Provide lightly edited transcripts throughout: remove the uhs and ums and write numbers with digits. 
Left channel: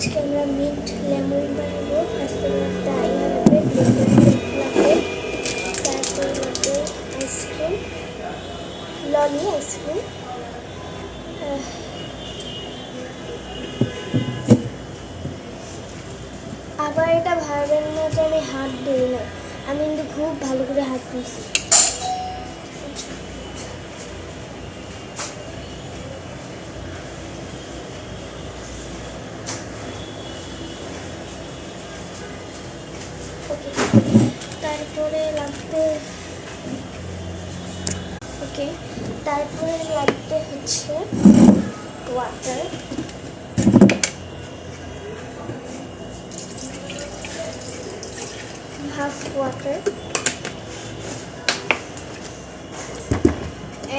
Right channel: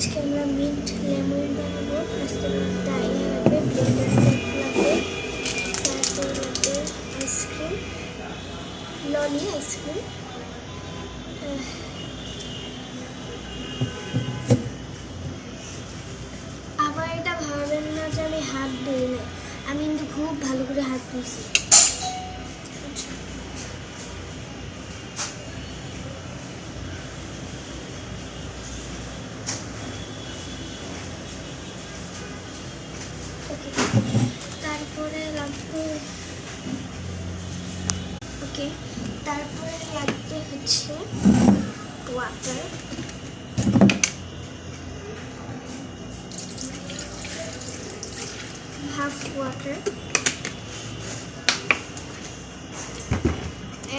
আজকে আমরা mint lemon বানাবো। ফার্স্টে তাই লাগবে, ব্লেন্ডার লাগবে, তারপরে লাগবে আইসক্রিম, ললি আইসক্রিম, আবার এটা ভাববেন না যে আমি হাত ধুই না, আমি কিন্তু খুব ভালো করে হাত ধুইছি। তারপরে লাগবে তারপরে লাগবে হচ্ছে water, half water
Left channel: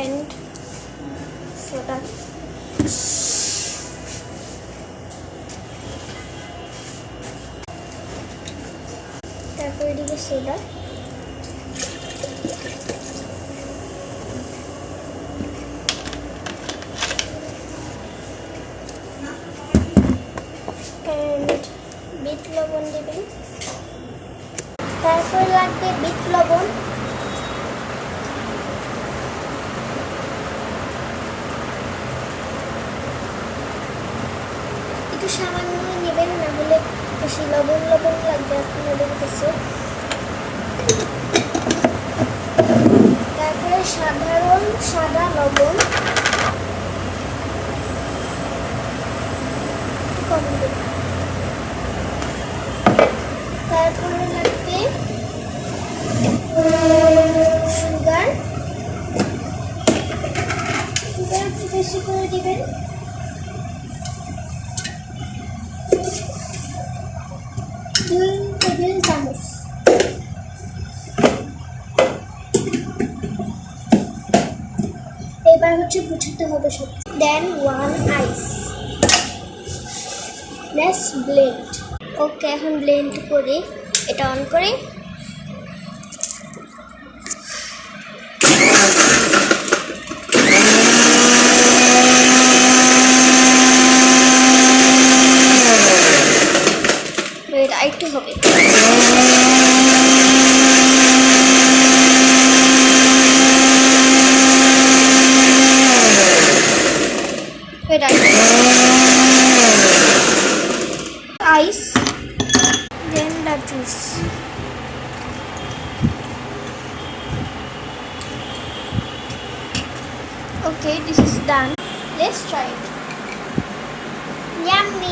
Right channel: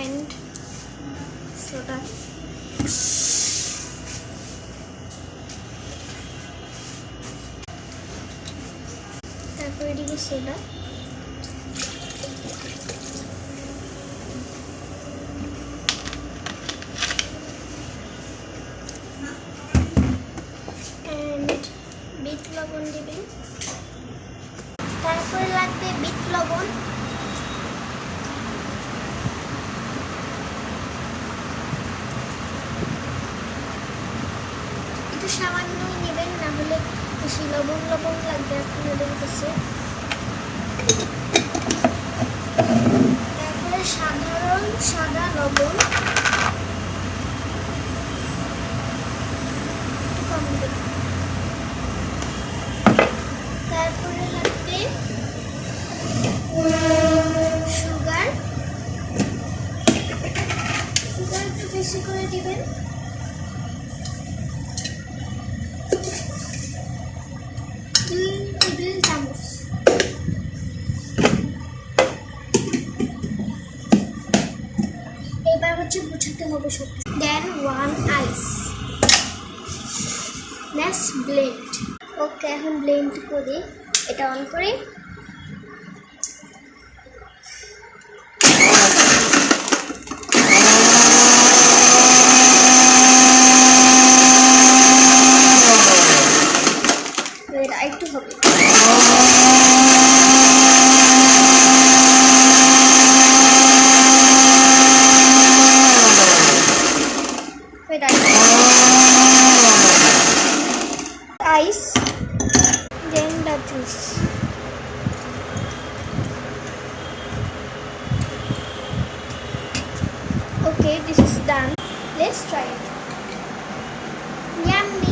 and soda. তারপরে দিব সোডা, and বিট লবণ দিবেন। তারপরে লাগবে বিট লবণ, একটু সামান্য নেবেন, না হলে বেশি লবণ লাগবে আপনাদের কাছে। তারপরে সাধারণ সাদা লবণ কম দেবেন। তারপরে লাগবে সুগার একটু বেশি করে দিবেন। এবার হচ্ছে গুছাতে হবে সব। দেন 1 আইস, নেক্সট ব্লেন্ড। ওকে, এখন ব্লেন্ড করি, এটা অন করি। এটা একটু হবে। Ice, then the juice. Okay, this is done. Let's try it. Yummy.